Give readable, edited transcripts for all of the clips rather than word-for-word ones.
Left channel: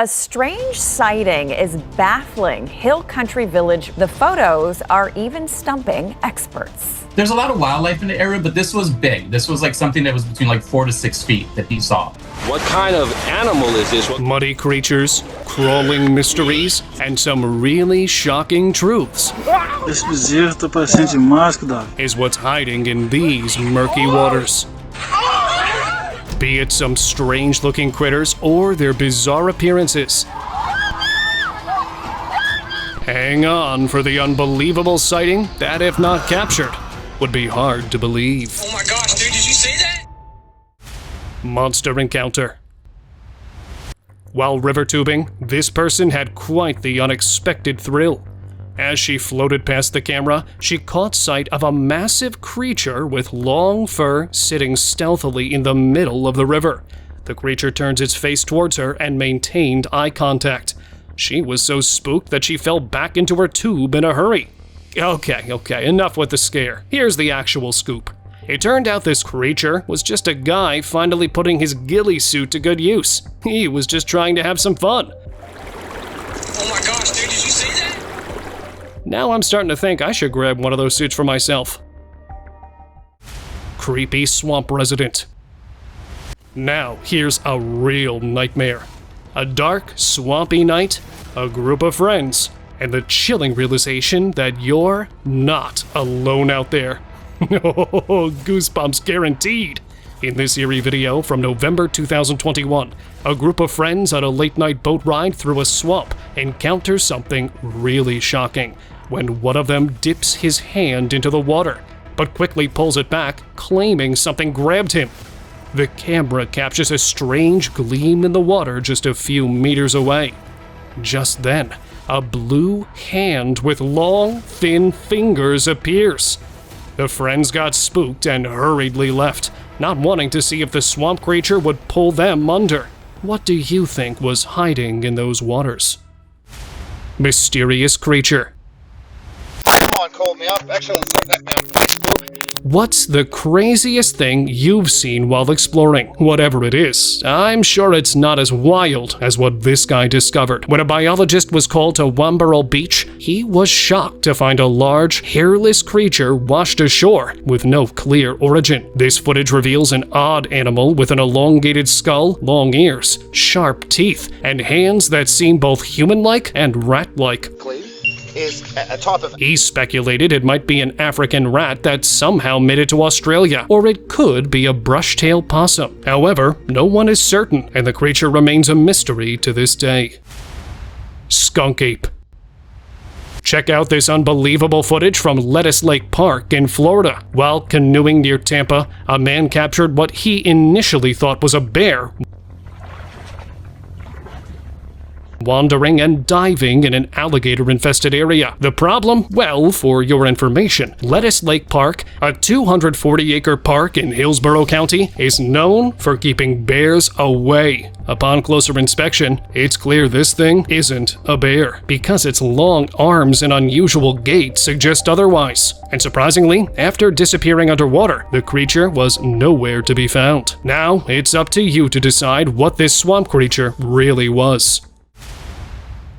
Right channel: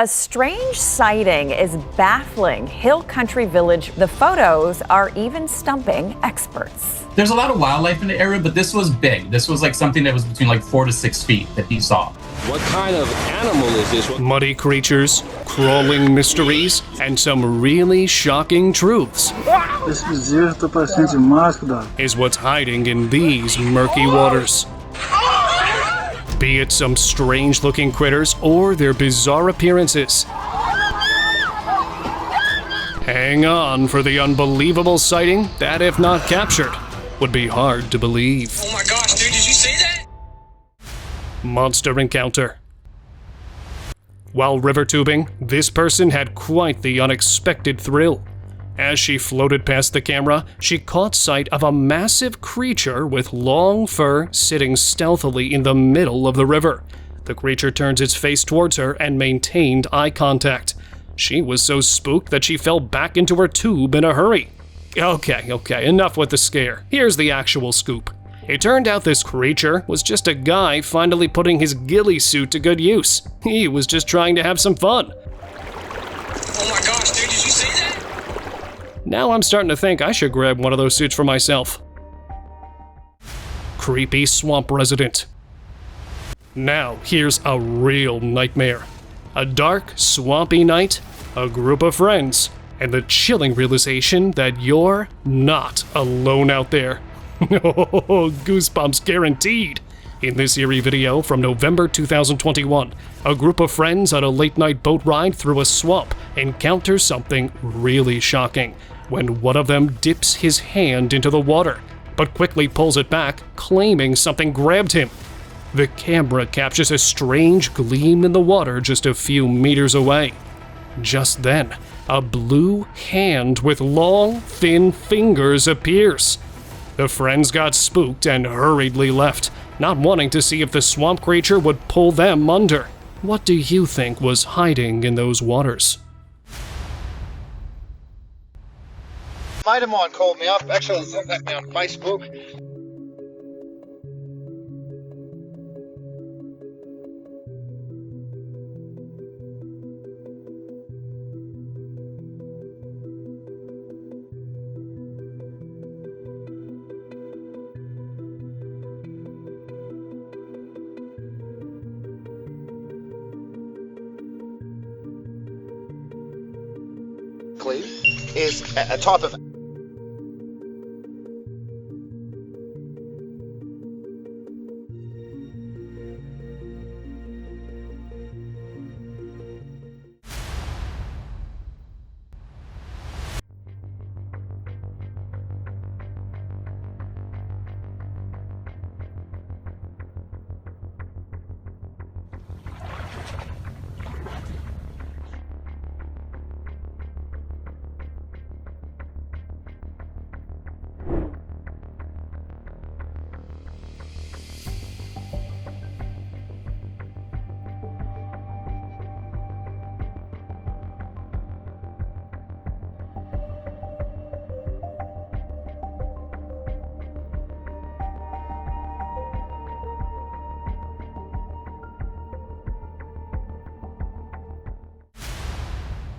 a strange sighting is baffling Hill Country Village. The photos are even stumping experts. There's a lot of wildlife in the area, but this was big. This was like something that was between like 4 to 6 feet that he saw. What kind of animal is this? Muddy creatures, crawling mysteries, and some really shocking truths Esse bezerro tá parecendo demais, cuidado. is what's hiding in these murky waters. Be it some strange-looking critters or their bizarre appearances. Hang on for the unbelievable sighting that, if not captured, would be hard to believe. Oh my gosh, dude, did you see that? Monster encounter. While river tubing, this person had quite the unexpected thrill. As she floated past the camera, she caught sight of a massive creature with long fur sitting stealthily in the middle of the river. The creature turned its face towards her and maintained eye contact. She was so spooked that she fell back into her tube in a hurry. Okay, enough with the scare. Here's the actual scoop. It turned out this creature was just a guy finally putting his ghillie suit to good use. He was just trying to have some fun. Oh my gosh, dude, did you see that? Now I'm starting to think I should grab one of those suits for myself. Creepy swamp resident. Now, here's a real nightmare. A dark, swampy night, a group of friends, and the chilling realization that you're not alone out there. Oh, goosebumps guaranteed. In this eerie video from November 2021, a group of friends on a late-night boat ride through a swamp encounters something really shocking when one of them dips his hand into the water, but quickly pulls it back, claiming something grabbed him. The camera captures a strange gleam in the water just a few meters away. Just then, a blue hand with long, thin fingers appears. The friends got spooked and hurriedly left, not wanting to see if the swamp creature would pull them under. What do you think was hiding in those waters? Mysterious creature. Someone called me up, actually sent me on Facebook. What's the craziest thing you've seen while exploring? Whatever it is, I'm sure it's not as wild as what this guy discovered. When a biologist was called to Wambarrel Beach, he was shocked to find a large, hairless creature washed ashore with no clear origin. This footage reveals an odd animal with an elongated skull, long ears, sharp teeth, and hands that seem both human-like and rat-like. Is a type of... He speculated it might be an African rat that somehow made it to Australia, or it could be a brush-tailed possum. However, no one is certain, and the creature remains a mystery to this day. Skunk ape. Check out this unbelievable footage from Lettuce Lake Park in Florida. While canoeing near Tampa, a man captured what he initially thought was a bear wandering and diving in an alligator-infested area. The problem? Well, for your information, Lettuce Lake Park, a 240-acre park in Hillsborough County, is known for keeping bears away. Upon closer inspection, it's clear this thing isn't a bear, because its long arms and unusual gait suggest otherwise. And surprisingly, after disappearing underwater, the creature was nowhere to be found. Now, it's up to you to decide what this swamp creature really was.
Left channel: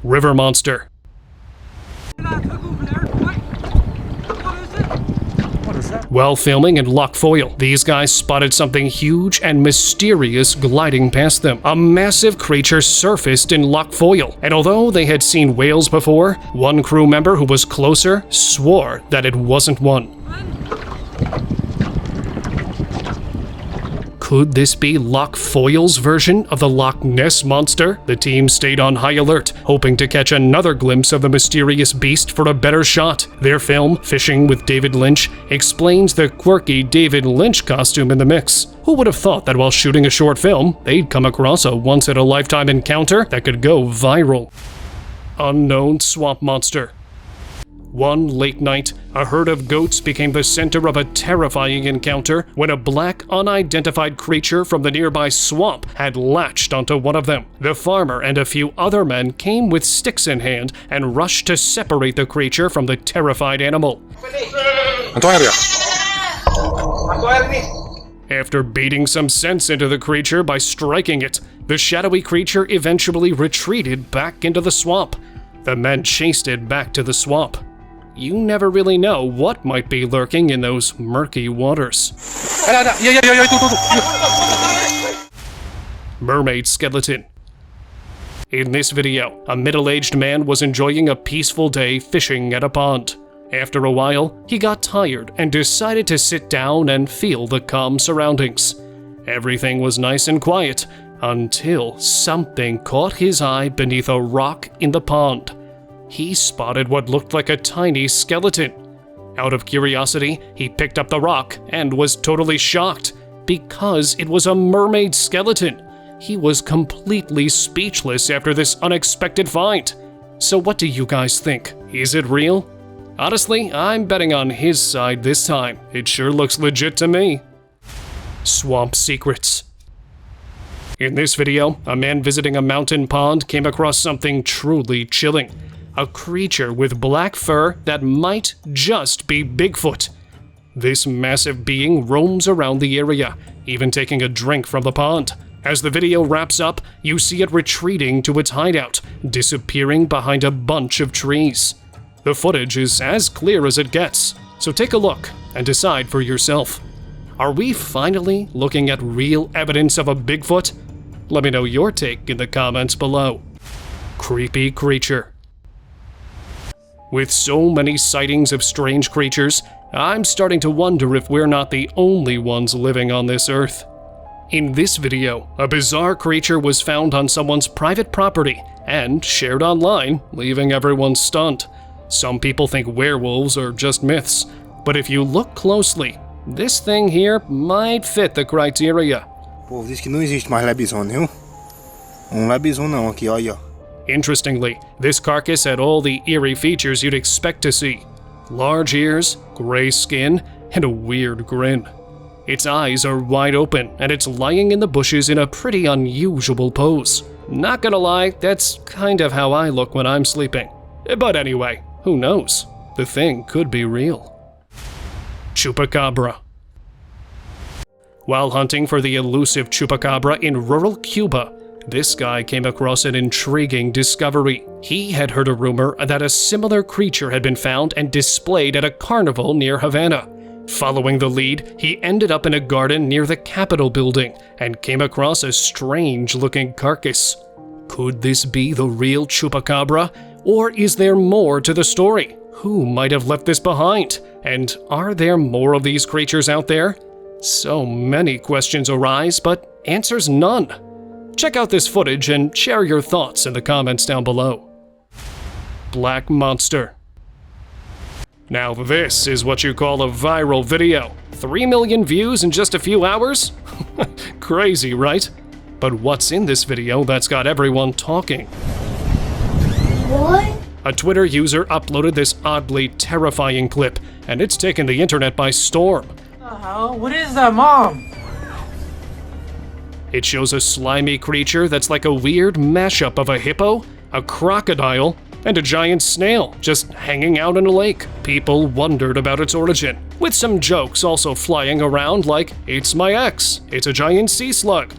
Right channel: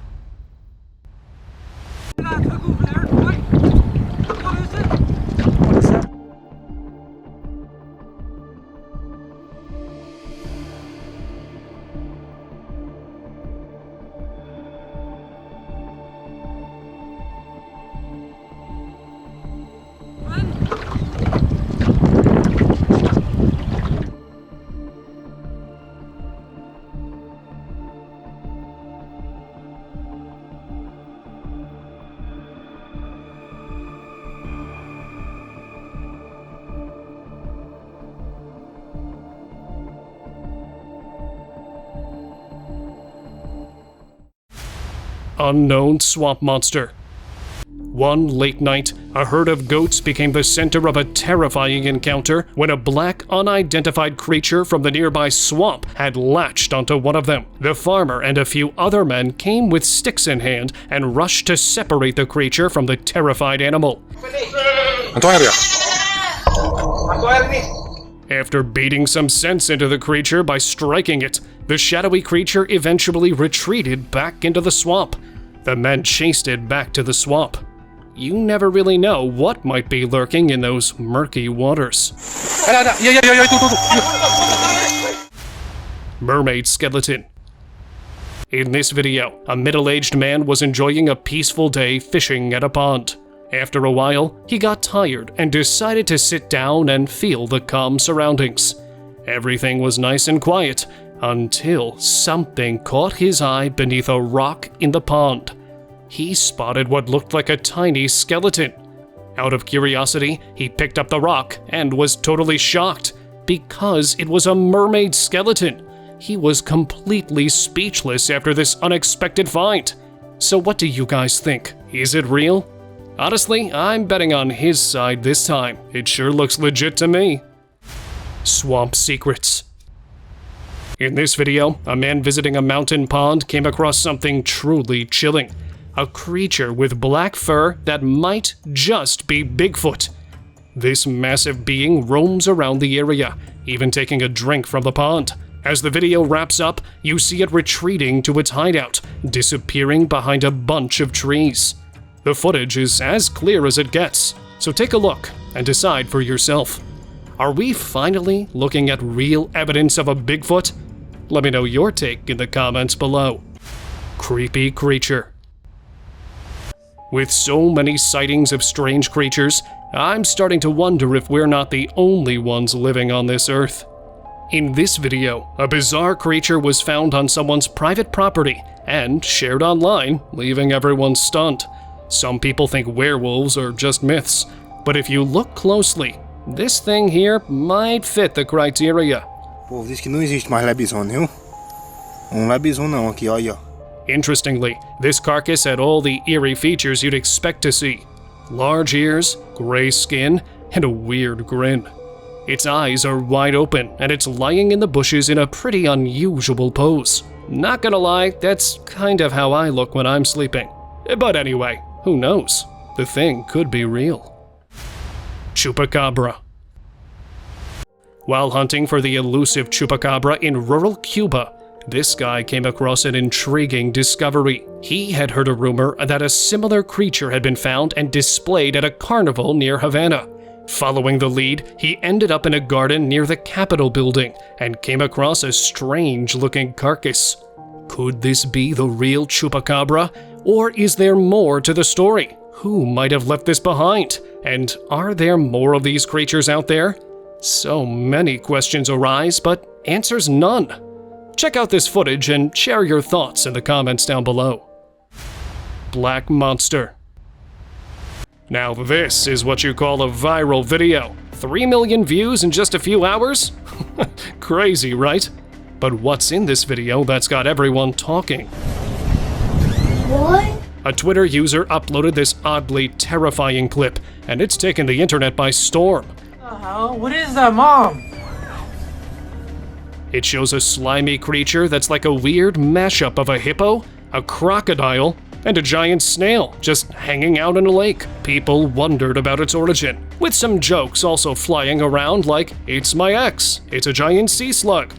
River monster. While filming in Loch Foyle, these guys spotted something huge and mysterious gliding past them. A massive creature surfaced in Loch Foyle, and although they had seen whales before, one crew member who was closer swore that it wasn't one. Could this be Loch Foyle's version of the Loch Ness Monster? The team stayed on high alert, hoping to catch another glimpse of the mysterious beast for a better shot. Their film, Fishing with David Lynch, explains the quirky David Lynch costume in the mix. Who would have thought that while shooting a short film, they'd come across a once-in-a-lifetime encounter that could go viral? Unknown swamp monster. One late night, a herd of goats became the center of a terrifying encounter when a black, unidentified creature from the nearby swamp had latched onto one of them. The farmer and a few other men came with sticks in hand and rushed to separate the creature from the terrified animal. After beating some sense into the creature by striking it, The shadowy creature eventually retreated back into the swamp. The men chased it back to the swamp. You never really know what might be lurking in those murky waters. Mermaid skeleton. In this video, a middle-aged man was enjoying a peaceful day fishing at a pond. After a while, he got tired and decided to sit down and feel the calm surroundings. Everything was nice and quiet until something caught his eye beneath a rock in the pond. He spotted what looked like a tiny skeleton. Out of curiosity, he picked up the rock and was totally shocked because it was a mermaid skeleton. He was completely speechless after this unexpected find. So what do you guys think? Is it real? Honestly, I'm betting on his side this time. It sure looks legit to me. Swamp secrets. In this video, a man visiting a mountain pond came across something truly chilling. A creature with black fur that might just be Bigfoot. This massive being roams around the area, even taking a drink from the pond. As the video wraps up, you see it retreating to its hideout, disappearing behind a bunch of trees. The footage is as clear as it gets, so take a look and decide for yourself. Are we finally looking at real evidence of a Bigfoot? Let me know your take in the comments below. Creepy creature. With so many sightings of strange creatures, I'm starting to wonder if we're not the only ones living on this earth. In this video, a bizarre creature was found on someone's private property and shared online, leaving everyone stunned. Some people think werewolves are just myths, but if you look closely, this thing here might fit the criteria. O povo diz que não existe mais lobisomem, viu? Lobisomem não, aqui, olha. Interestingly, this carcass had all the eerie features you'd expect to see. Large ears, gray skin, and a weird grin. Its eyes are wide open, and it's lying in the bushes in a pretty unusual pose. Not gonna lie, that's kind of how I look when I'm sleeping. But anyway, who knows? The thing could be real. Chupacabra. While hunting for the elusive chupacabra in rural Cuba, this guy came across an intriguing discovery. He had heard a rumor that a similar creature had been found and displayed at a carnival near Havana. Following the lead, he ended up in a garden near the Capitol building and came across a strange-looking carcass. Could this be the real chupacabra? Or is there more to the story? Who might have left this behind? And are there more of these creatures out there? So many questions arise, but answers none. Check out this footage and share your thoughts in the comments down below. Black monster. Now this is what you call a viral video. 3 million views in just a few hours? Crazy, right? But what's in this video that's got everyone talking? What? A Twitter user uploaded this oddly terrifying clip, and it's taken the internet by storm. What is that, Mom? It shows a slimy creature that's like a weird mashup of a hippo, a crocodile, and a giant snail just hanging out in a lake. People wondered about its origin, with some jokes also flying around like, "It's my ex, it's a giant sea slug."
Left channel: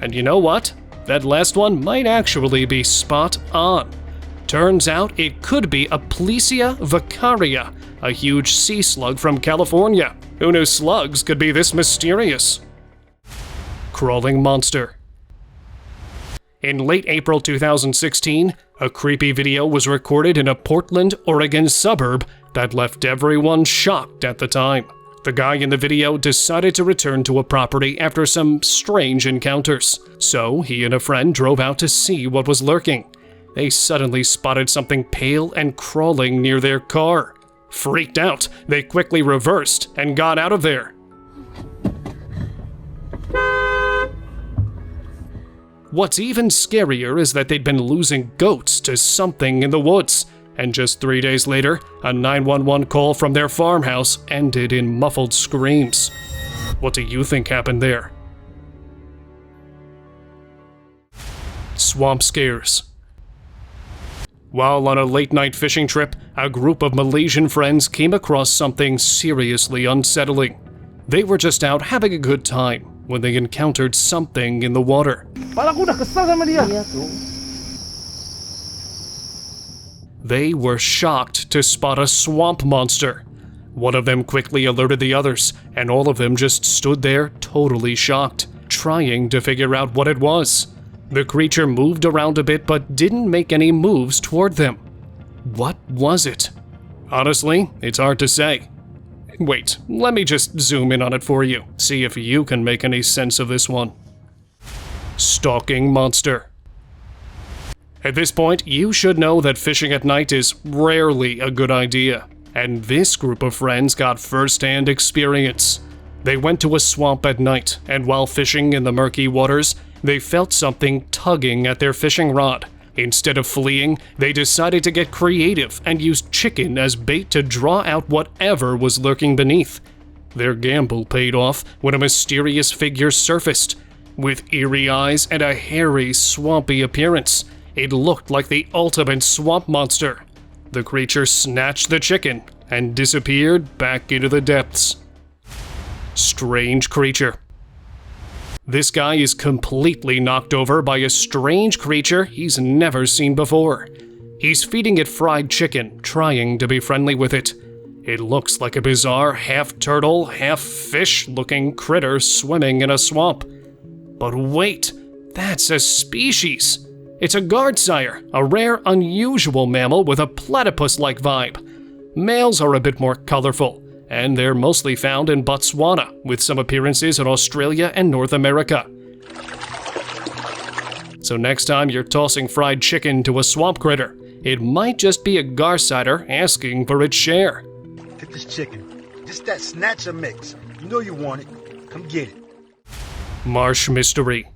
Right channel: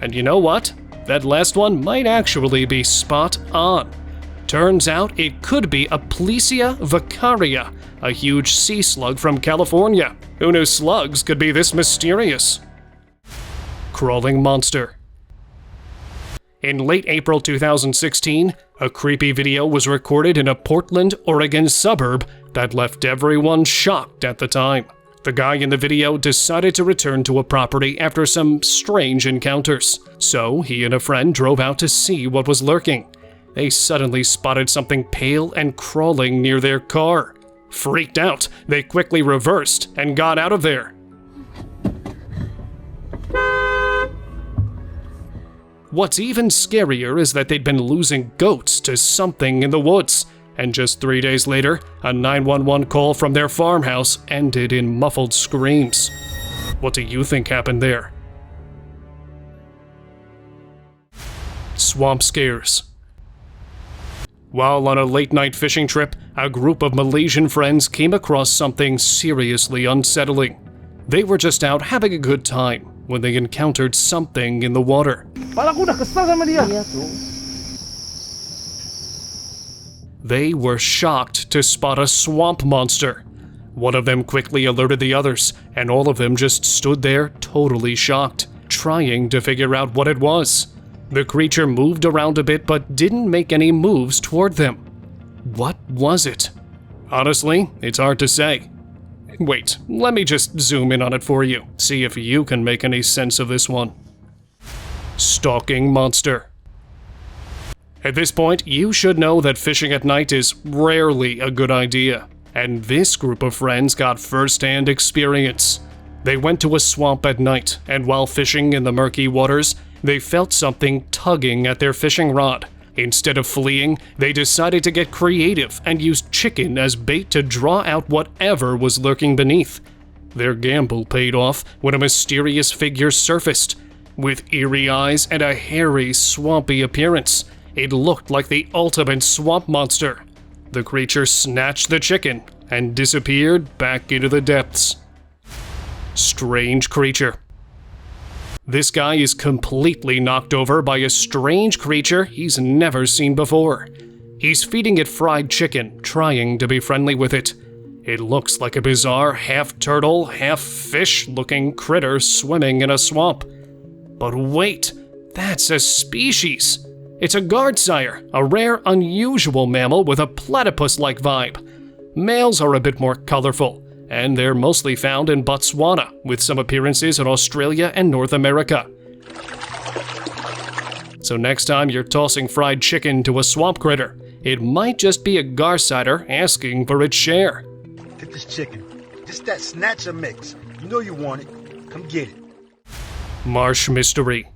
And you know what? That last one might actually be spot on. Turns out it could be a Plesia vicaria, a huge sea slug from California. Who knew slugs could be this mysterious? Crawling monster. In late April 2016, a creepy video was recorded in a Portland, Oregon suburb that left everyone shocked at the time. The guy in the video decided to return to a property after some strange encounters, so he and a friend drove out to see what was lurking. They suddenly spotted something pale and crawling near their car. Freaked out, they quickly reversed and got out of there. What's even scarier is that they'd been losing goats to something in the woods, and just 3 days later, a 911 call from their farmhouse ended in muffled screams. What do you think happened there? Swamp scares. While on a late-night fishing trip, a group of Malaysian friends came across something seriously unsettling. They were just out having a good time when they encountered something in the water. They were shocked to spot a swamp monster. One of them quickly alerted the others, and all of them just stood there totally shocked, trying to figure out what it was. The creature moved around a bit but didn't make any moves toward them. What was it? Honestly, it's hard to say. Wait, let me just zoom in on it for you, see if you can make any sense of this one. Stalking monster. At this point, you should know that fishing at night is rarely a good idea, and this group of friends got first-hand experience. They went to a swamp at night, and while fishing in the murky waters, they felt something tugging at their fishing rod. Instead of fleeing, they decided to get creative and used chicken as bait to draw out whatever was lurking beneath. Their gamble paid off when a mysterious figure surfaced. With eerie eyes and a hairy, swampy appearance, it looked like the ultimate swamp monster. The creature snatched the chicken and disappeared back into the depths. Strange creature. This guy is completely knocked over by a strange creature he's never seen before. He's feeding it fried chicken, trying to be friendly with it. It looks like a bizarre half-turtle, half-fish-looking critter swimming in a swamp. But wait, that's a species! It's a guardsire, a rare, unusual mammal with a platypus-like vibe. Males are a bit more colorful, and they're mostly found in Botswana, with some appearances in Australia and North America. So next time you're tossing fried chicken to a swamp critter, it might just be a garsider asking for its share. Get this chicken. Just that snatcher mix. You know you want it. Come get it. Marsh mystery.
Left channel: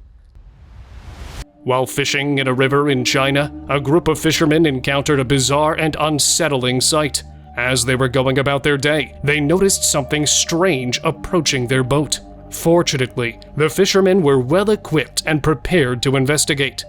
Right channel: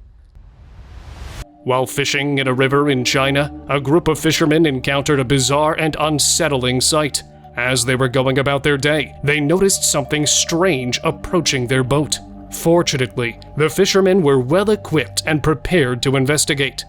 While fishing in a river in China, a group of fishermen encountered a bizarre and unsettling sight. As they were going about their day, they noticed something strange approaching their boat. Fortunately, the fishermen were well equipped and prepared to investigate.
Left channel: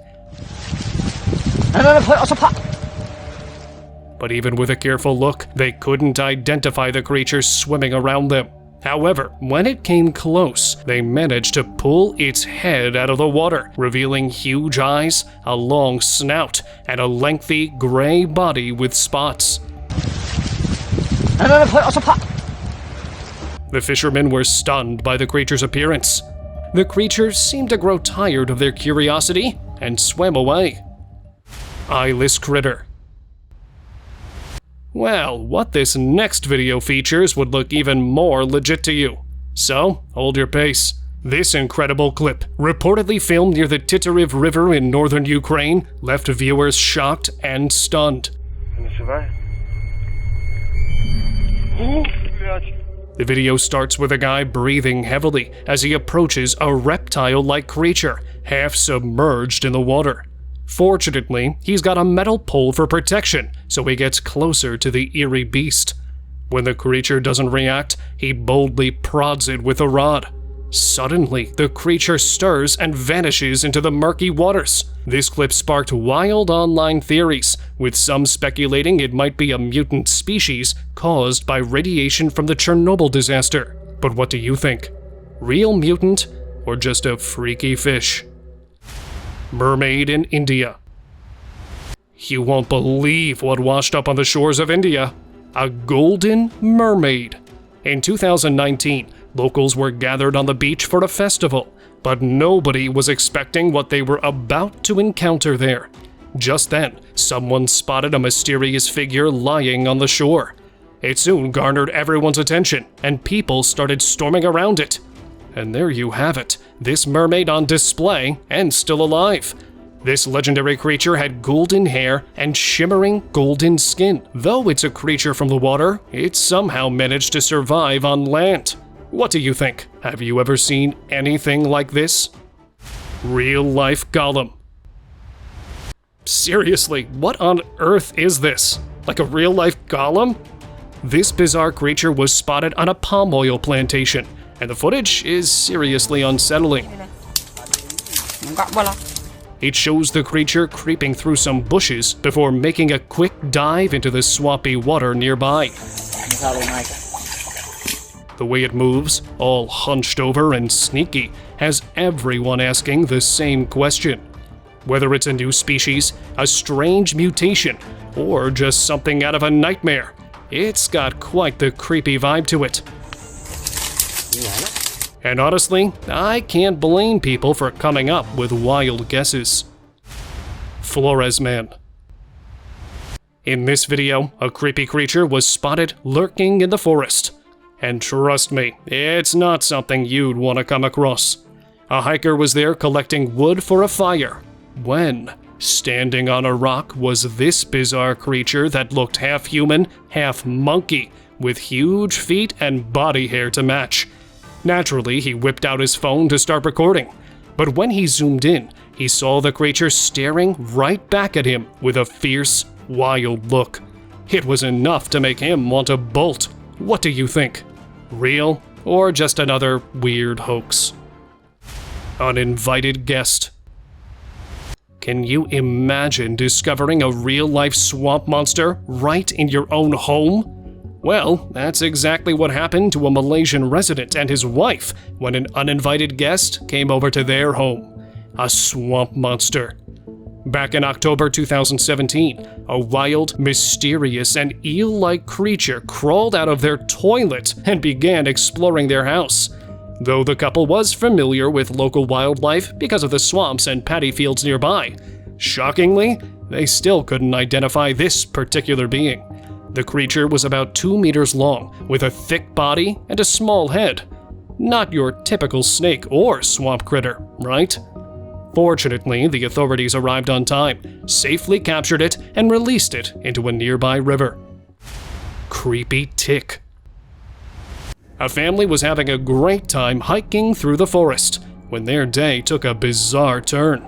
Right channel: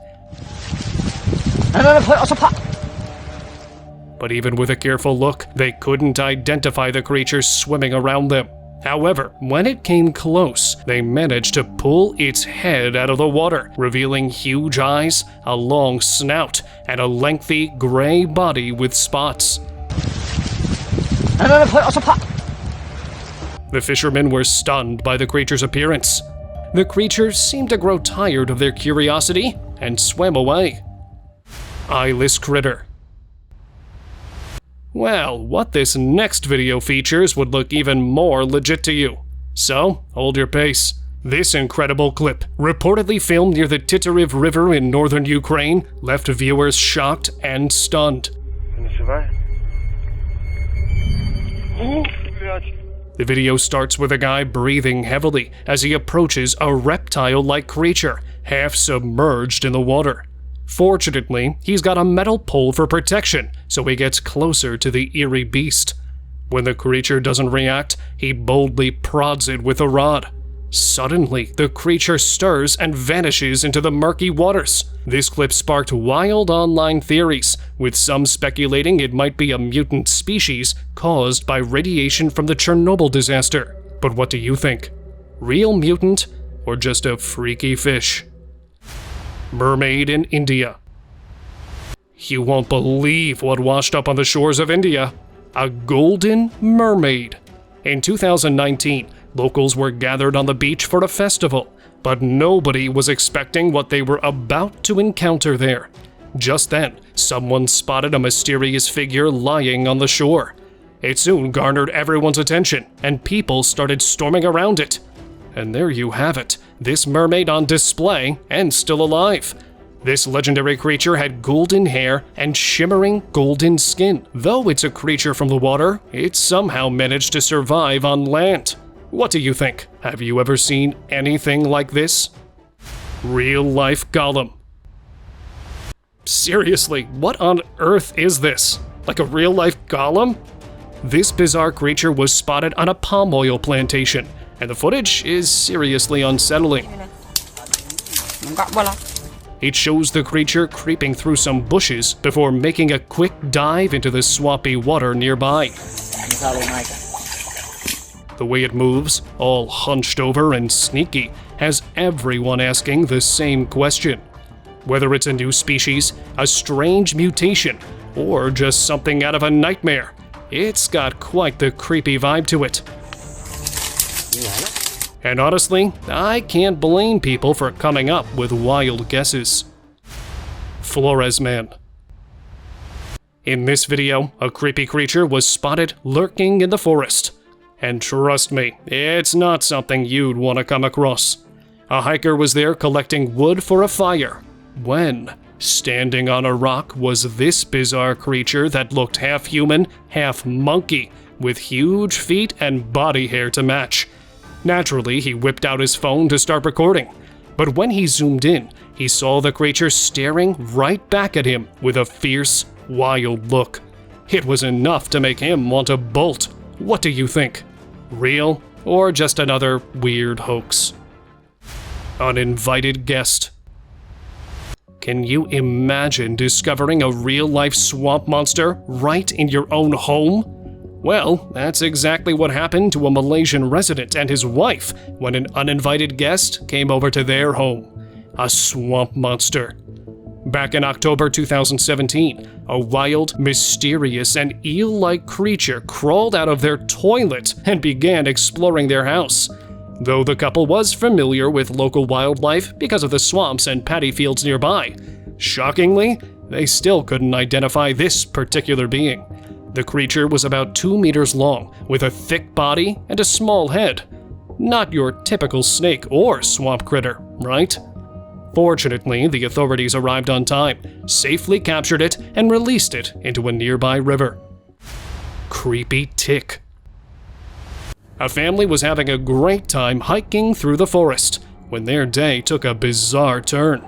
But even with a careful look, they couldn't identify the creature swimming around them. However, when it came close, they managed to pull its head out of the water, revealing huge eyes, a long snout, and a lengthy gray body with spots. The fishermen were stunned by the creature's appearance. The creature seemed to grow tired of their curiosity and swam away. Eyeless critter. Well, what this next video features would look even more legit to you. So, hold your pace. This incredible clip, reportedly filmed near the Titariv River in northern Ukraine, left viewers shocked and stunned. The video starts with a guy breathing heavily as he approaches a reptile-like creature, half submerged in the water. Fortunately, he's got a metal pole for protection, so he gets closer to the eerie beast. When the creature doesn't react, he boldly prods it with a rod. Suddenly, the creature stirs and vanishes into the murky waters. This clip sparked wild online theories, with some speculating it might be a mutant species caused by radiation from the Chernobyl disaster. But what do you think? Real mutant or just a freaky fish? Mermaid in India. You won't believe what washed up on the shores of India. A golden mermaid. In 2019, locals were gathered on the beach for a festival, but nobody was expecting what they were about to encounter there. Just then, someone spotted a mysterious figure lying on the shore. It soon garnered everyone's attention, and people started storming around it. And there you have it, this mermaid on display and still alive. This legendary creature had golden hair and shimmering golden skin. Though it's a creature from the water, it somehow managed to survive on land. What do you think? Have you ever seen anything like this? Real-life golem. Seriously, what on earth is this? Like a real-life golem? This bizarre creature was spotted on a palm oil plantation, and the footage is seriously unsettling. It shows the creature creeping through some bushes before making a quick dive into the swampy water nearby. The way it moves, all hunched over and sneaky, has everyone asking the same question. Whether it's a new species, a strange mutation, or just something out of a nightmare, it's got quite the creepy vibe to it. And honestly, I can't blame people for coming up with wild guesses. Flores Man. In this video, a creepy creature was spotted lurking in the forest. And trust me, it's not something you'd want to come across. A hiker was there collecting wood for a fire when, standing on a rock, was this bizarre creature that looked half human, half monkey, with huge feet and body hair to match. Naturally, he whipped out his phone to start recording, but when he zoomed in, he saw the creature staring right back at him with a fierce, wild look. It was enough to make him want to bolt. What do you think? Real or just another weird hoax? Uninvited guest. Can you imagine discovering a real-life swamp monster right in your own home? Well, that's exactly what happened to a Malaysian resident and his wife when an uninvited guest came over to their home. A swamp monster. Back in October 2017, a wild, mysterious, and eel-like creature crawled out of their toilet and began exploring their house. Though the couple was familiar with local wildlife because of the swamps and paddy fields nearby, shockingly, they still couldn't identify this particular being. The creature was about 2 meters long, with a thick body and a small head. Not your typical snake or swamp critter, right? Fortunately, the authorities arrived on time, safely captured it, and released it into a nearby river. Creepy tick. A family was having a great time hiking through the forest when their day took a bizarre turn.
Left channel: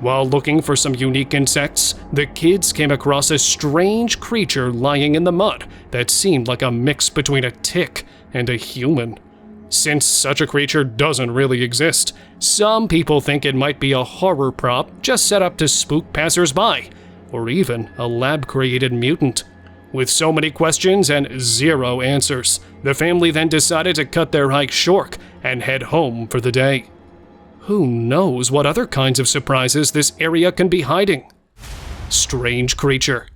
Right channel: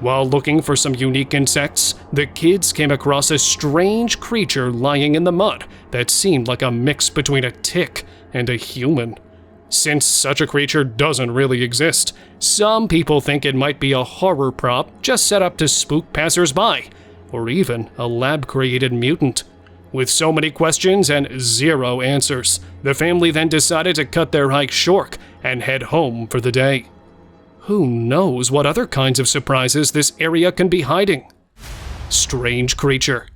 While looking for some unique insects, the kids came across a strange creature lying in the mud that seemed like a mix between a tick and a human. Since such a creature doesn't really exist, some people think it might be a horror prop just set up to spook passersby, or even a lab-created mutant. With so many questions and zero answers, the family then decided to cut their hike short and head home for the day. Who knows what other kinds of surprises this area can be hiding? Strange creature.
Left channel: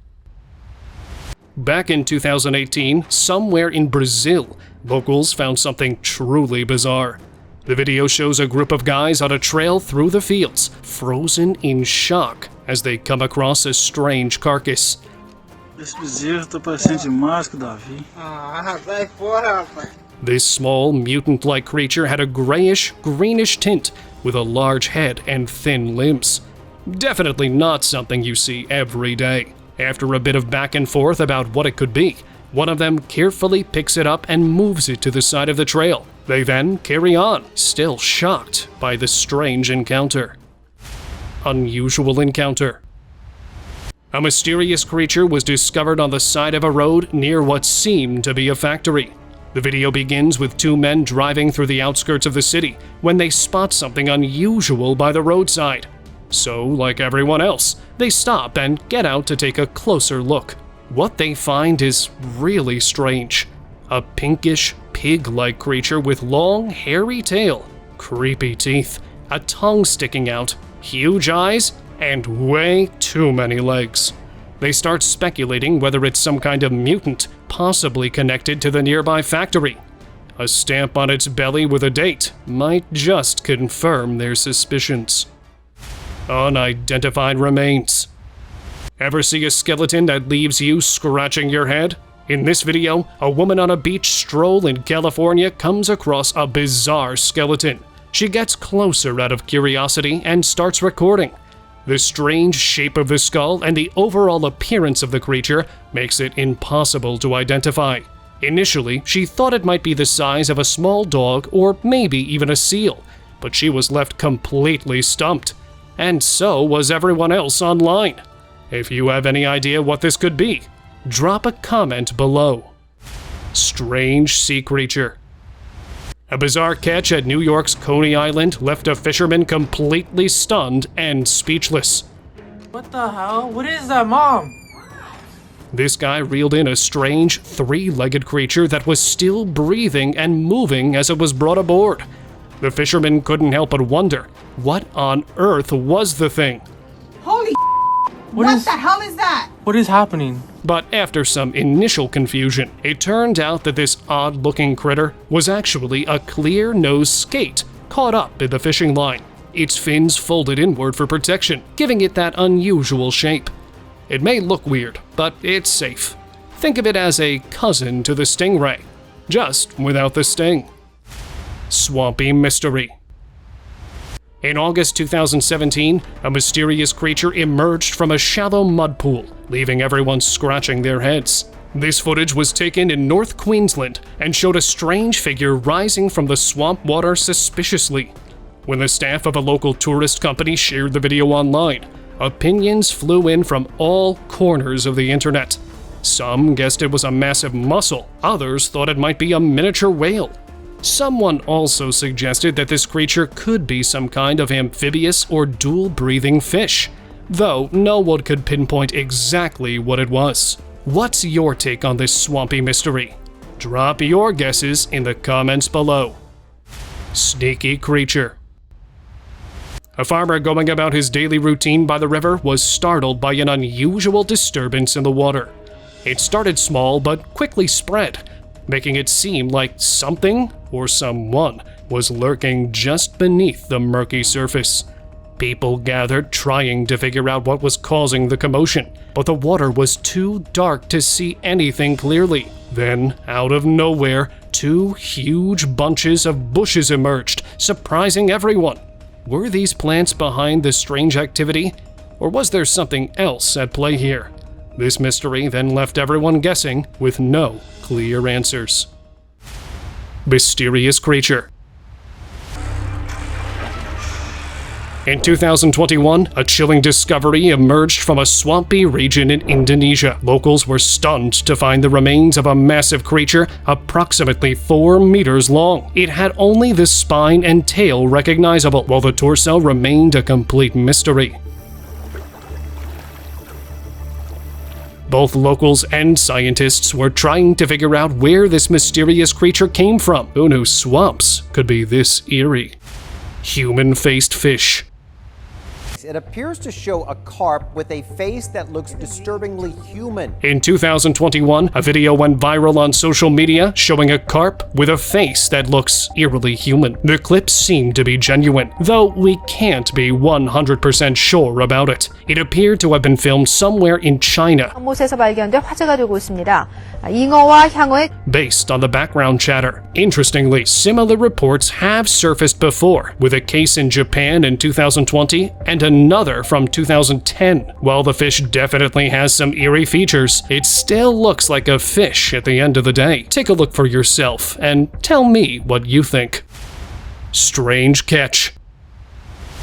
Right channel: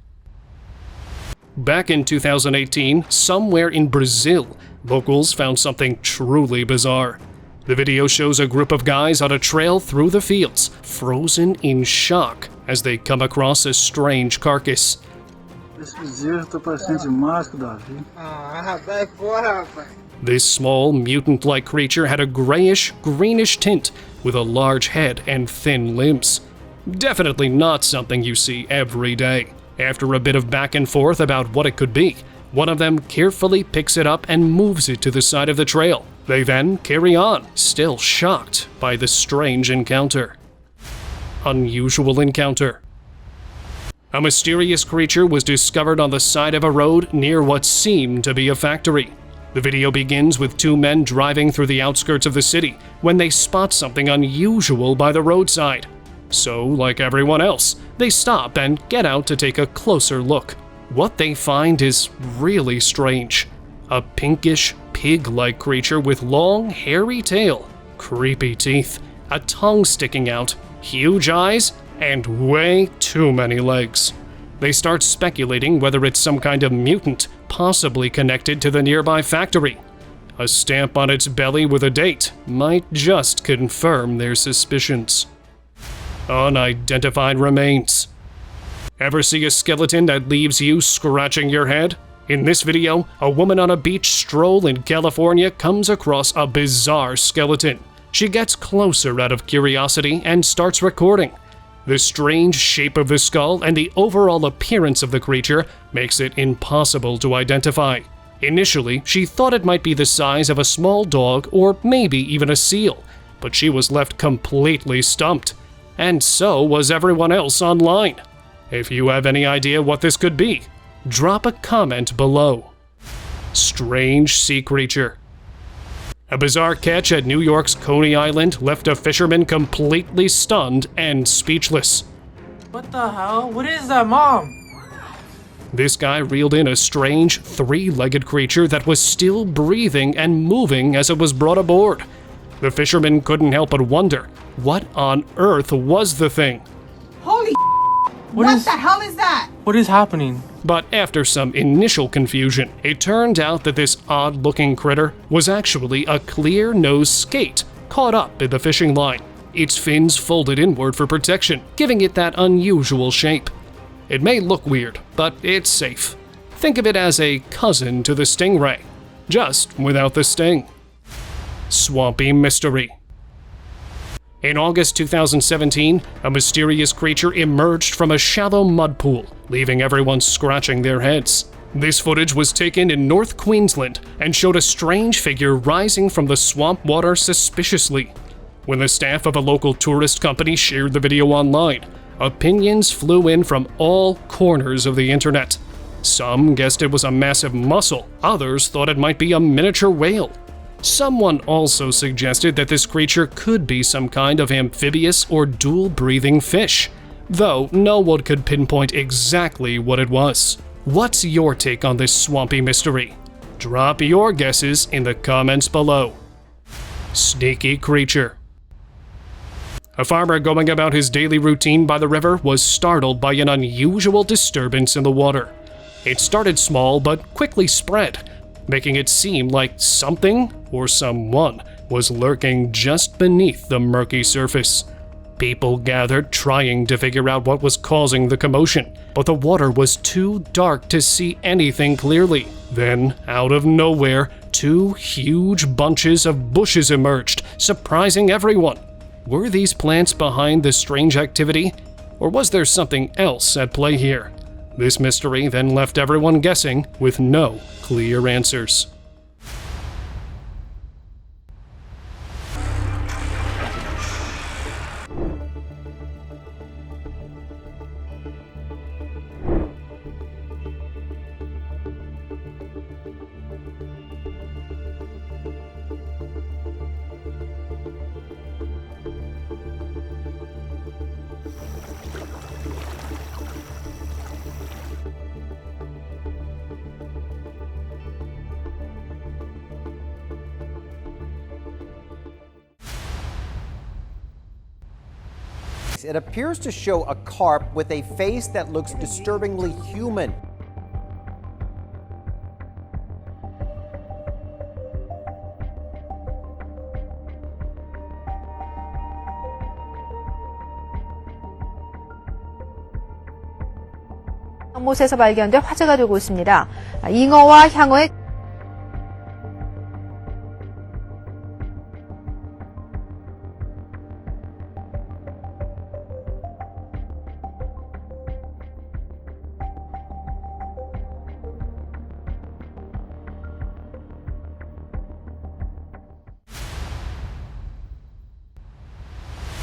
Back in 2018, somewhere in Brazil, locals found something truly bizarre. The video shows a group of guys on a trail through the fields, frozen in shock as they come across a strange carcass. Esse bezerro tá parecendo demais com o Davi. Sai fora, rapaz. This small, mutant-like creature had a grayish-greenish tint with a large head and thin limbs. Definitely not something you see every day. After a bit of back and forth about what it could be, one of them carefully picks it up and moves it to the side of the trail. They then carry on, still shocked by the strange encounter. Unusual encounter. A mysterious creature was discovered on the side of a road near what seemed to be a factory. The video begins with two men driving through the outskirts of the city when they spot something unusual by the roadside. So, like everyone else, they stop and get out to take a closer look. What they find is really strange. A pinkish, pig-like creature with long, hairy tail, creepy teeth, a tongue sticking out, huge eyes, and way too many legs. They start speculating whether it's some kind of mutant, possibly connected to the nearby factory. A stamp on its belly with a date might just confirm their suspicions. Unidentified remains. Ever see a skeleton that leaves you scratching your head? In this video, a woman on a beach stroll in California comes across a bizarre skeleton. She gets closer out of curiosity and starts recording. The strange shape of the skull and the overall appearance of the creature makes it impossible to identify. Initially, she thought it might be the size of a small dog or maybe even a seal, but she was left completely stumped. And so was everyone else online. If you have any idea what this could be, drop a comment below. Strange sea creature. A bizarre catch at New York's Coney Island left a fisherman completely stunned and speechless. What the hell? What is that, Mom? This guy reeled in a strange, three-legged creature that was still breathing and moving as it was brought aboard. The fishermen couldn't help but wonder, what on earth was the thing? Holy what the hell is that? What is happening? But after some initial confusion, it turned out that this odd-looking critter was actually a clear-nosed skate caught up in the fishing line, its fins folded inward for protection, giving it that unusual shape. It may look weird, but it's safe. Think of it as a cousin to the stingray, just without the sting. Swampy mystery. In August 2017, a mysterious creature emerged from a shallow mud pool, leaving everyone scratching their heads. This footage was taken in North Queensland and showed a strange figure rising from the swamp water suspiciously. When the staff of a local tourist company shared the video online, opinions flew in from all corners of the internet. Some guessed it was a massive mussel, others thought it might be a miniature whale. Someone also suggested that this creature could be some kind of amphibious or dual-breathing fish, though no one could pinpoint exactly what it was. What's your take on this swampy mystery? Drop your guesses in the comments below. Sneaky creature. A farmer going about his daily routine by the river was startled by an unusual disturbance in the water. It started small but quickly spread, making it seem like something or someone was lurking just beneath the murky surface. People gathered trying to figure out what was causing the commotion, but the water was too dark to see anything clearly. Then, out of nowhere, two huge bunches of bushes emerged, surprising everyone. Were these plants behind the strange activity, or was there something else at play here? This mystery then left everyone guessing with no clear answers. Mysterious creature. In 2021, a chilling discovery emerged from a swampy region in Indonesia. Locals were stunned to find the remains of a massive creature approximately 4 meters long. It had only the spine and tail recognizable, while the torso remained a complete mystery. Both locals and scientists were trying to figure out where this mysterious creature came from. Who knew swamps could be this eerie? Human-faced fish. It appears to show a carp with a face that looks disturbingly human. In 2021, a video went viral on social media showing a carp with a face that looks eerily human. The clips seem to be genuine, though we can't be 100% sure about it. It appeared to have been filmed somewhere in China. 곳에서 발견돼 화제가 되고 있습니다. 잉어와 향어의 Based on the background chatter. Interestingly, similar reports have surfaced before, with a case in Japan in 2020 and another from 2010. While the fish definitely has some eerie features, it still looks like a fish at the end of the day. Take a look for yourself and tell me what you think. Strange catch.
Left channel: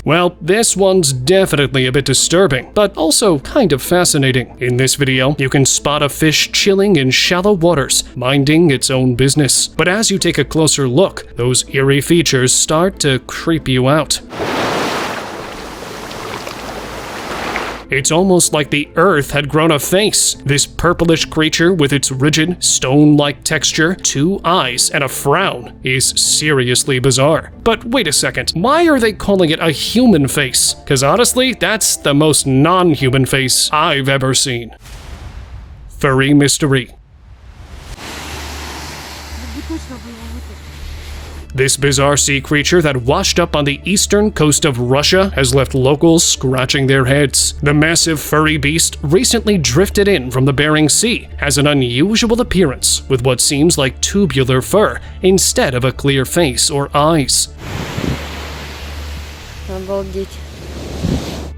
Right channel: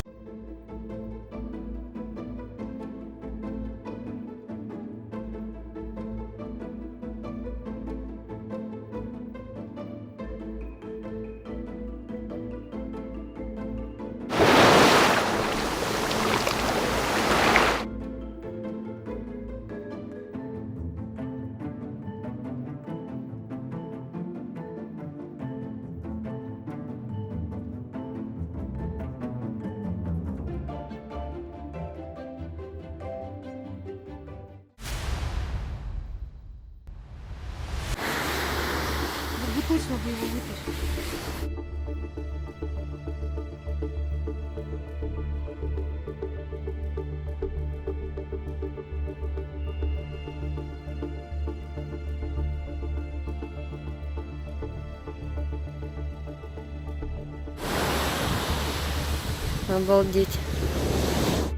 Well, this one's definitely a bit disturbing, but also kind of fascinating. In this video, you can spot a fish chilling in shallow waters, minding its own business. But as you take a closer look, those eerie features start to creep you out. It's almost like the earth had grown a face. This purplish creature with its rigid, stone-like texture, 2 eyes, and a frown is seriously bizarre. But wait a second, why are they calling it a human face? Because honestly, that's the most non-human face I've ever seen. Furry mystery. This bizarre sea creature that washed up on the eastern coast of Russia has left locals scratching their heads. The massive furry beast recently drifted in from the Bering Sea, has an unusual appearance with what seems like tubular fur instead of a clear face or eyes. Обалдеть.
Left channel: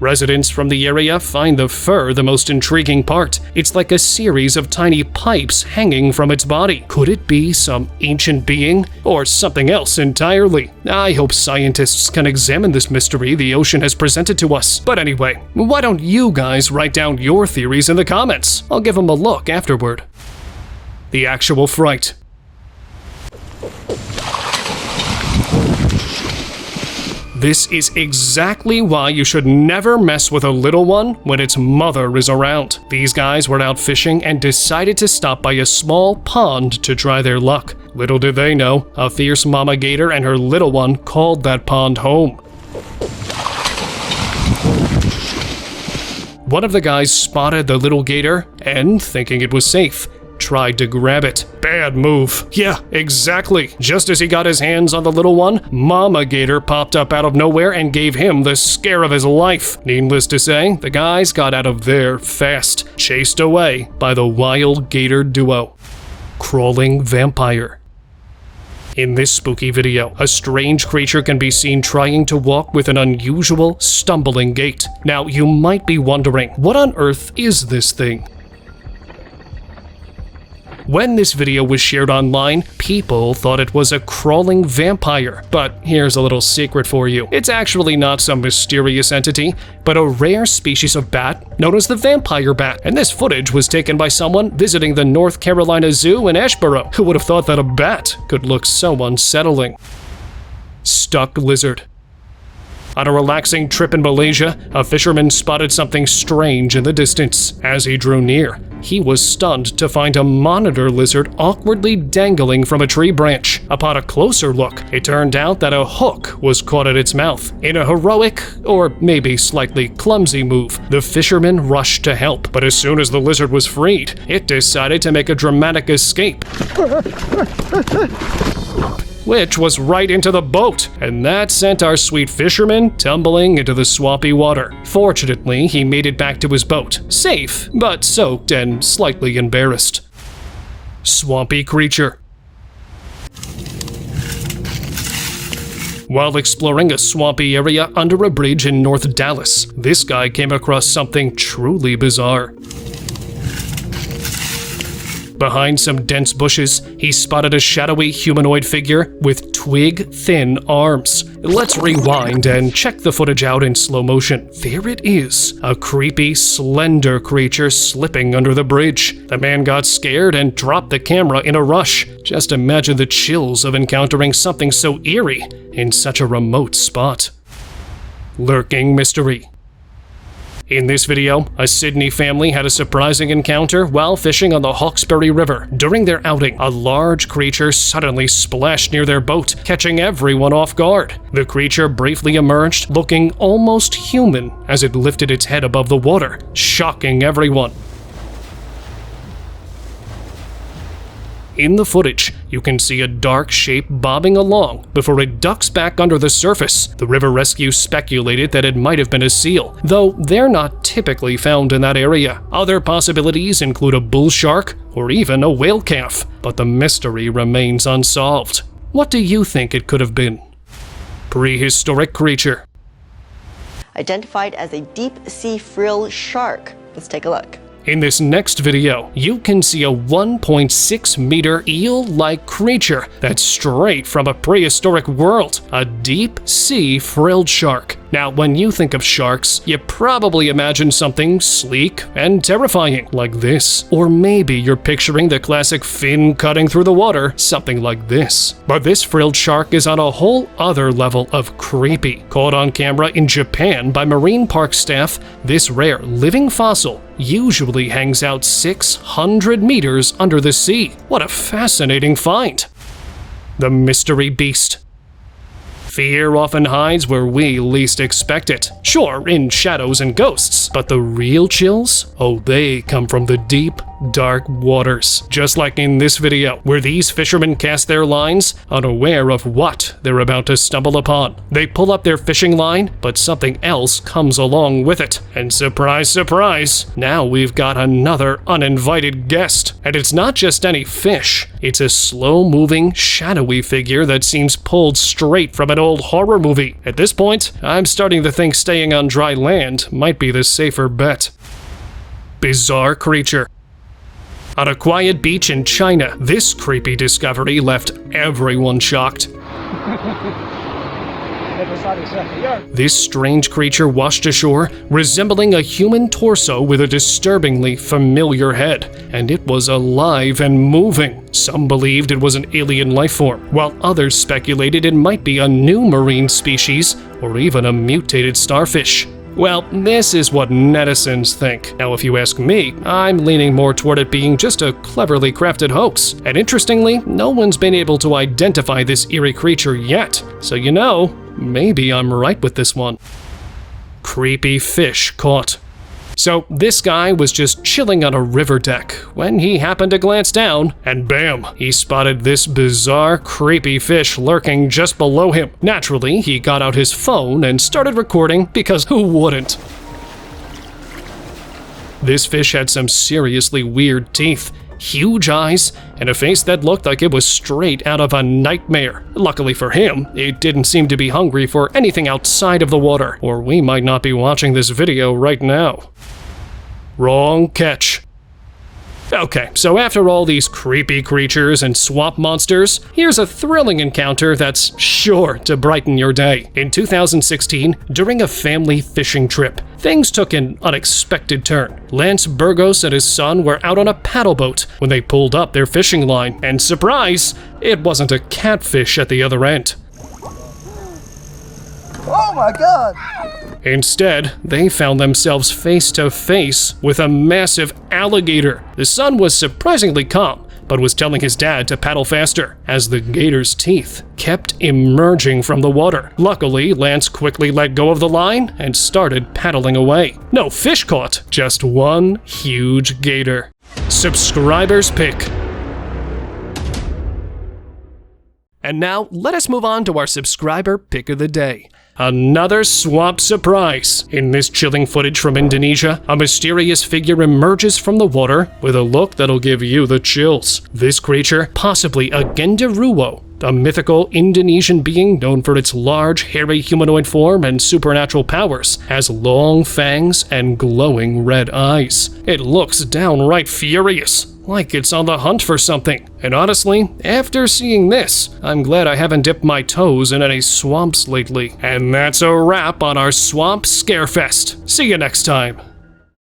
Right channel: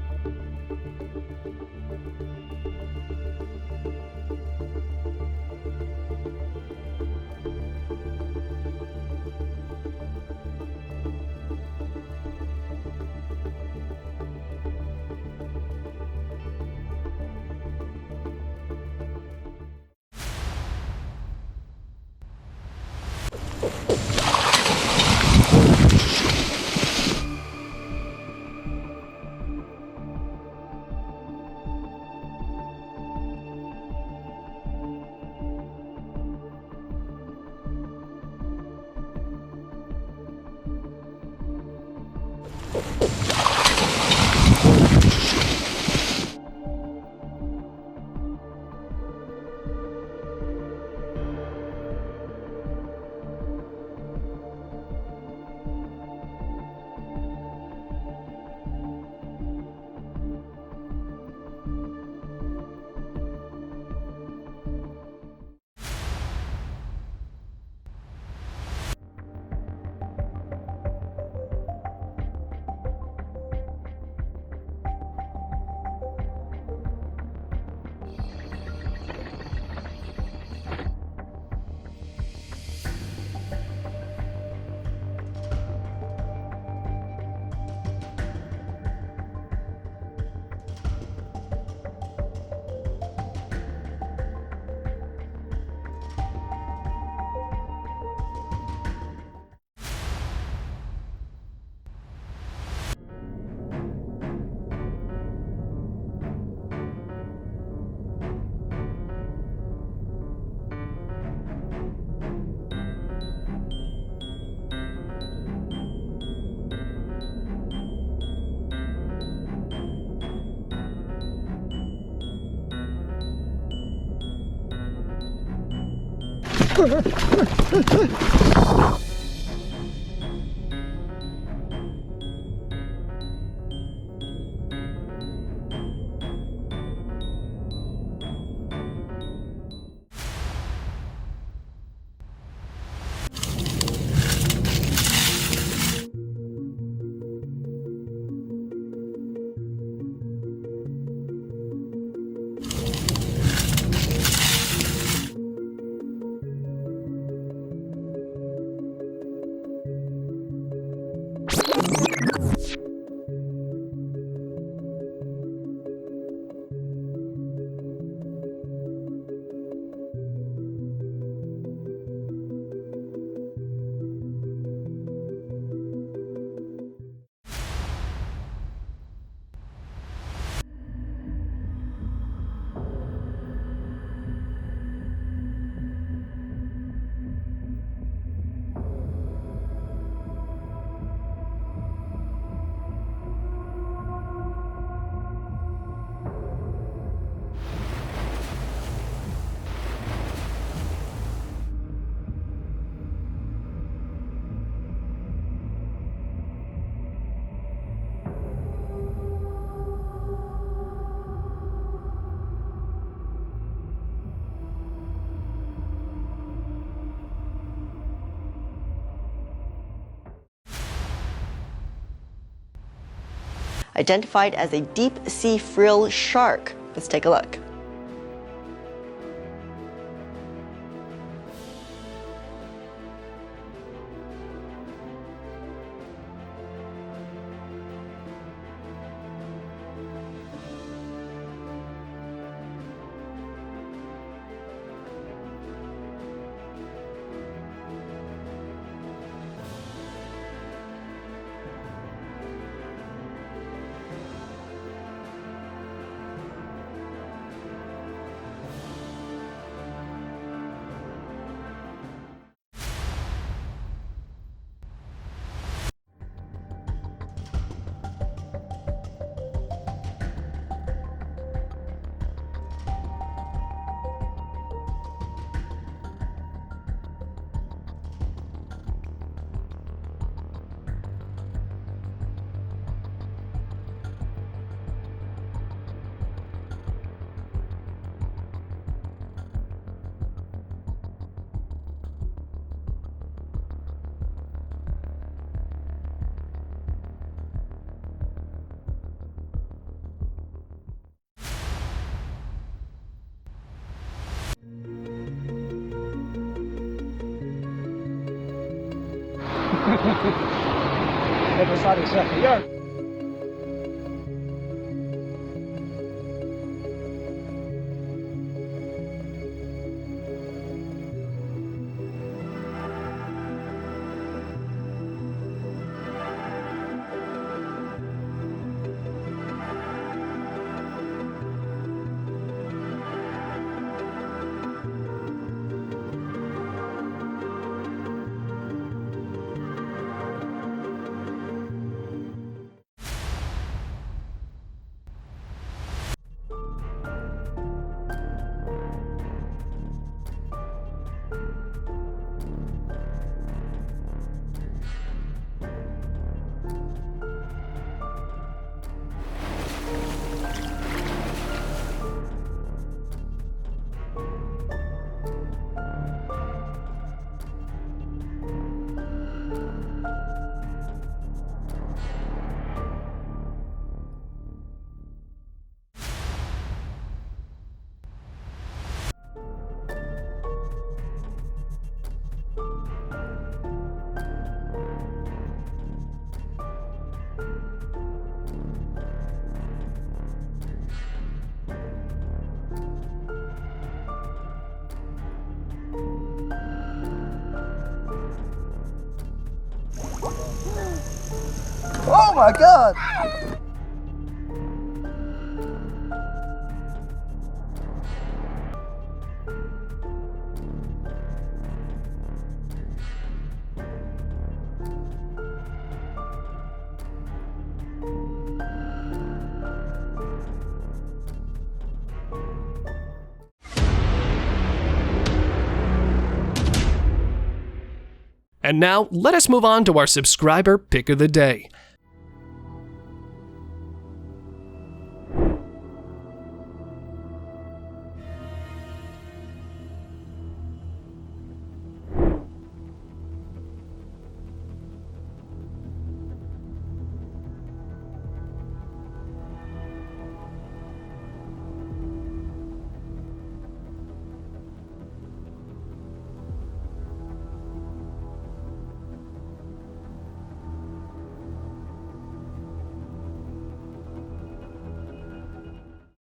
Residents from the area find the fur the most intriguing part. It's like a series of tiny pipes hanging from its body. Could it be some ancient being or something else entirely? I hope scientists can examine this mystery the ocean has presented to us. But anyway, why don't you guys write down your theories in the comments? I'll give them a look afterward. The actual fright. This is exactly why you should never mess with a little one when its mother is around. These guys were out fishing and decided to stop by a small pond to try their luck. Little did they know, a fierce mama gator and her little one called that pond home. One of the guys spotted the little gator and, thinking it was safe, tried to grab it. Bad move. Yeah, exactly. Just as he got his hands on the little one, Mama Gator popped up out of nowhere and gave him the scare of his life. Needless to say, the guys got out of there fast, chased away by the wild gator duo. Crawling vampire. In this spooky video, a strange creature can be seen trying to walk with an unusual, stumbling gait. Now, you might be wondering, what on earth is this thing? When this video was shared online, people thought it was a crawling vampire. But here's a little secret for you. It's actually not some mysterious entity, but a rare species of bat known as the vampire bat. And this footage was taken by someone visiting the North Carolina Zoo in Asheboro. Who would have thought that a bat could look so unsettling? Stuck lizard. On a relaxing trip in Malaysia, a fisherman spotted something strange in the distance. As he drew near, he was stunned to find a monitor lizard awkwardly dangling from a tree branch. Upon a closer look, it turned out that a hook was caught at its mouth. In a heroic, or maybe slightly clumsy move, the fisherman rushed to help. But as soon as the lizard was freed, it decided to make a dramatic escape, which was right into the boat, and that sent our sweet fisherman tumbling into the swampy water. Fortunately, he made it back to his boat, safe, but soaked and slightly embarrassed. Swampy creature. While exploring a swampy area under a bridge in North Dallas, this guy came across something truly bizarre. Behind some dense bushes, he spotted a shadowy humanoid figure with twig-thin arms. Let's rewind and check the footage out in slow motion. There it is, a creepy, slender creature slipping under the bridge. The man got scared and dropped the camera in a rush. Just imagine the chills of encountering something so eerie in such a remote spot. Lurking mystery. In this video, a Sydney family had a surprising encounter while fishing on the Hawkesbury River. During their outing, a large creature suddenly splashed near their boat, catching everyone off guard. The creature briefly emerged, looking almost human as it lifted its head above the water, shocking everyone. In the footage, you can see a dark shape bobbing along before it ducks back under the surface. The river rescue speculated that it might have been a seal, though they're not typically found in that area. Other possibilities include a bull shark or even a whale calf, but the mystery remains unsolved. What do you think it could have been? Prehistoric creature. Identified as a deep-sea frill shark. Let's take a look. In this next video, you can see a 1.6 meter eel-like creature that's straight from a prehistoric world, a deep-sea frilled shark. Now, when you think of sharks, you probably imagine something sleek and terrifying like this. Or maybe you're picturing the classic fin cutting through the water, something like this. But this frilled shark is on a whole other level of creepy. Caught on camera in Japan by marine park staff, this rare living fossil usually hangs out 600 meters under the sea. What a fascinating find. The mystery beast. Fear often hides where we least expect it. Sure, in shadows and ghosts, but the real chills? Oh, they come from the deep, dark waters. Just like in this video, where these fishermen cast their lines, unaware of what they're about to stumble upon. They pull up their fishing line, but something else comes along with it. And surprise, surprise, now we've got another uninvited guest. And it's not just any fish. It's a slow-moving, shadowy figure that seems pulled straight from an old horror movie. At this point, I'm starting to think staying on dry land might be the safer bet. Bizarre creature. On a quiet beach in China, this creepy discovery left everyone shocked. This strange creature washed ashore, resembling a human torso with a disturbingly familiar head, and it was alive and moving. Some believed it was an alien life form, while others speculated it might be a new marine species or even a mutated starfish. Well, this is what netizens think. Now, if you ask me, I'm leaning more toward it being just a cleverly crafted hoax. And interestingly, no one's been able to identify this eerie creature yet. So you know, maybe I'm right with this one. Creepy fish caught. So this guy was just chilling on a river deck when he happened to glance down, and bam, he spotted this bizarre, creepy fish lurking just below him. Naturally, he got out his phone and started recording because who wouldn't? This fish had some seriously weird teeth, huge eyes, and a face that looked like it was straight out of a nightmare. Luckily for him, it didn't seem to be hungry for anything outside of the water, or we might not be watching this video right now. Wrong catch. Okay, so after all these creepy creatures and swamp monsters, here's a thrilling encounter that's sure to brighten your day. In 2016, during a family fishing trip, things took an unexpected turn. Lance Burgos and his son were out on a paddle boat when they pulled up their fishing line, and surprise, it wasn't a catfish at the other end. Oh my God! Instead, they found themselves face to face with a massive alligator. The son was surprisingly calm, but was telling his dad to paddle faster as the gator's teeth kept emerging from the water. Luckily, Lance quickly let go of the line and started paddling away. No fish caught, just one huge gator. Subscriber's pick. And now, let us move on to our subscriber pick of the day. Another swamp surprise. In this chilling footage from Indonesia, a mysterious figure emerges from the water with a look that'll give you the chills. This creature, possibly a genderuwo, a mythical Indonesian being known for its large, hairy humanoid form and supernatural powers, has long fangs and glowing red eyes. It looks downright furious, like it's on the hunt for something. And honestly, after seeing this, I'm glad I haven't dipped my toes in any swamps lately. And that's a wrap on our Swamp Scarefest. See you next time.